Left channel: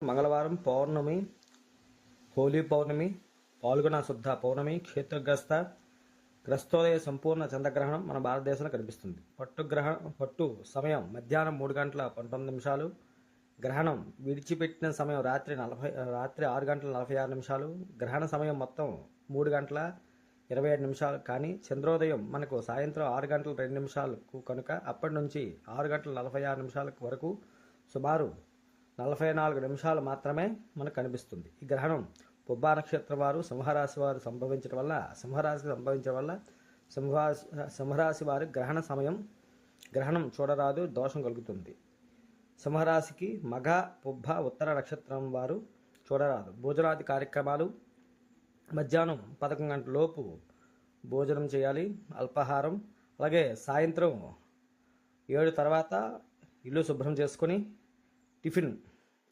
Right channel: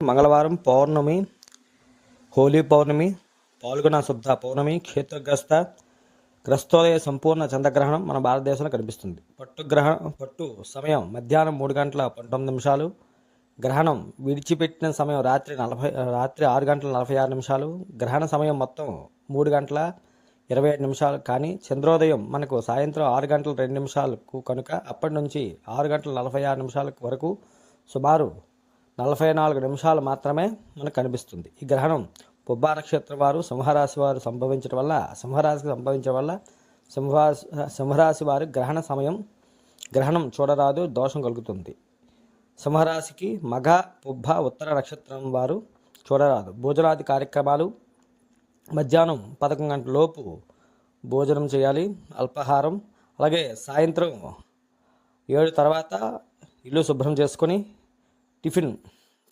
మంగళవారం పౌర్ణమి, హోలీ పౌర్ణమి, పాల్గొన శుద్ధ పౌర్ణమి, గ్రస్తోదయ సంపూర్ణ చంద్రగ్రహణం మన భారతదేశంలో కనిపిస్తుంది. పట్టు సమయం మధ్యాహ్నం 3:19. గ్రహణం విడిచిపెట్టిన సమయం రాత్రి 6:46. గ్రహణ సమయం మొత్తం 3:27. కానీ చంద్రోదయం మనకు సాయంత్రం 6:02 కనుక అప్పటి నుంచి 6:46 వరకు సుమారు 44 నిమిషాలు మాత్రమే మనకు కనిపిస్తుంది. ఈ గ్రహణం పుబ్బ నక్షత్రం వారు సింహరాశి వారు సంభవించడం వల్ల సింహరాశి వారు గ్రహణం చూడరాదు, దోషం కలుగుతుంది. సింహరాశికి మఘ, పుబ్బ, ఉత్తర నక్షత్రం వారు చూడరాదు. భోజనాది కార్యక్రమాలు మధ్యాహ్నం 11 గంటల లోపు భోజనం చేయాలి, అల్పాహారం. అలాగే సాయంత్రం 7 తర్వాత ఇల్లు శుభ్రం చేసుకొని టిఫిన్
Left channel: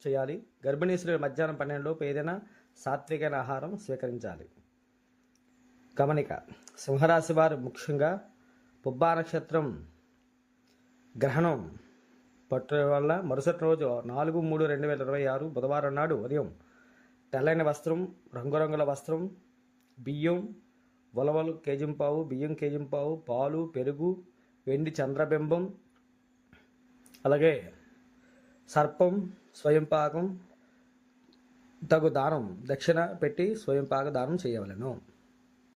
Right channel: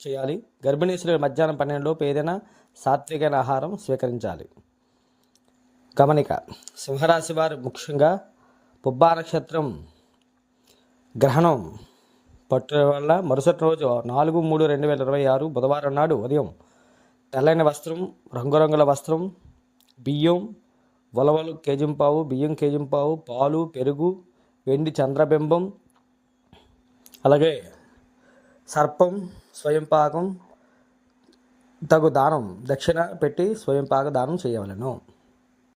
చేయాలి. గర్భిణీ స్త్రీలు మధ్యాహ్నం 12 లోపు ఏదైనా సాత్వికమైన ఆహారం స్వీకరించాలి. గమనిక: సింహరాశి వారు ముఖ్యంగా పుబ్బా నక్షత్రం గ్రహణం పట్టు వల్ల మరుసటి రోజు 4/3/2026 బుధవారం నాడు ఉదయం తెల్లని వస్త్రం, రంగురంగుల వస్త్రం, బియ్యం, ఉలవలు కేజింపావు, బియ్యం కేజింపావు, పాలు, పెరుగు, వెండి చంద్రబింబం, అలాగే సర్పం, స్వయంపాకం తగు దానం దక్షిణ పెట్టి స్వయంపాక దానం చేయవలెను.